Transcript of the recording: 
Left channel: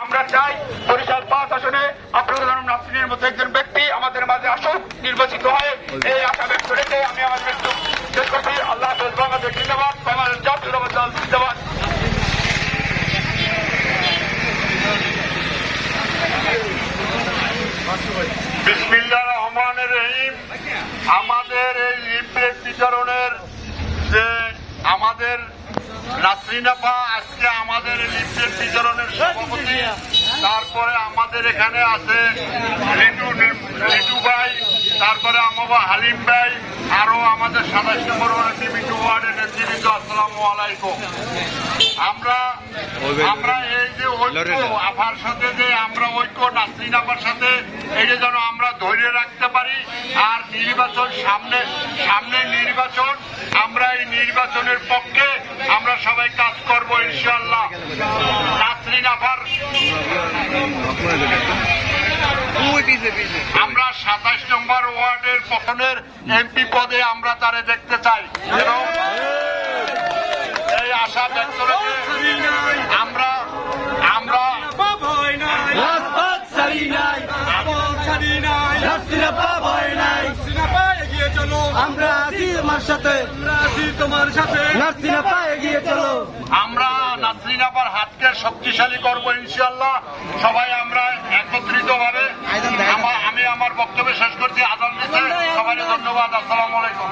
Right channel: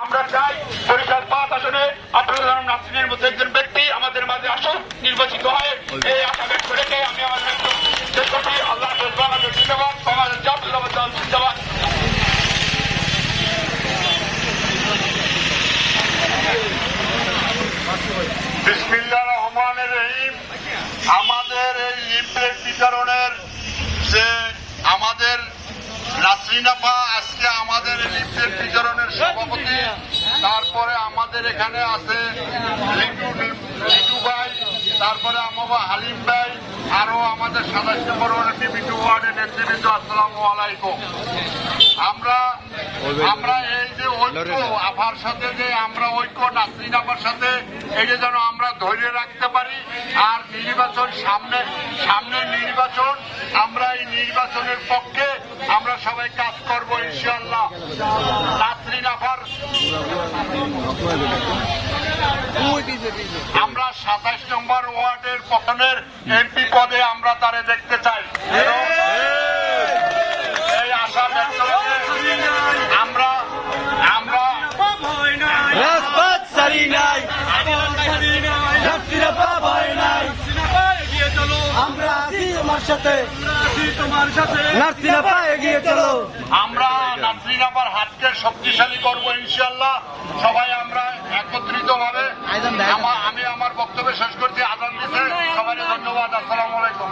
আমরা চাই বরিশাল 5 আসনে আব্দুল আলম নাসরিনের মতো একজন ব্যক্তি আমাদের মাঝে আসুক, নির্বাচিত হয়। এই আশা ব্যক্ত রেখে আমি আমার বক্তব্য শেষ করছি। আল্লাহ হাফেজ। বাংলাদেশ জিন্দাবাদ, বাংলাদেশ জাতীয়তাবাদী দল জিন্দাবাদ। বিসমিল্লাহির রহমানির রহিম। আমাদের এই লিফলেট বিতরণের যে আমাদের নাসরিন আপা আজকে আমাদের লিফলেট বিতরণের সভাপতি, তারপরে আমাদের এখানে আছে লিটু ভাই, তারপরে আমার হালিম ভাই, আরো আমাদের 27 নম্বর ওয়ার্ডের বিভিন্ন ওয়ার্ডের নেতৃবৃন্দ, আসসালামু আলাইকুম। আমরা এই যে ঐক্য আপার সাথে যে আমরা ঐক্য নাসরিন আপার সাথে এই যে যেন আমরা ধরে রাখতে পারি। আর নির্বাচন সামনে নির্বাচন, আমরা এই নির্বাচনের পক্ষে আমরা সবাই কাজ করব ইনশাআল্লাহ। নাসরিন আপার আমরা 27 নম্বর ওয়ার্ডের পতনের এমপি পদে আমরা তারে দেখতে চাই। এই আশা ব্যক্ত করে আমরা আমরা আছি তোমার সাথে, এগিয়ে চলো। আমরা নাসরিন আপার হাতকে শক্তিশালী করবো ইনশাআল্লাহ। সবাই আমরা একত্রিত ভাবে আমি আমার বক্তব্য শেষ করছি। আজান দিতে সবাইকে ধন্যবাদ। আসসালামু আলাইকুম।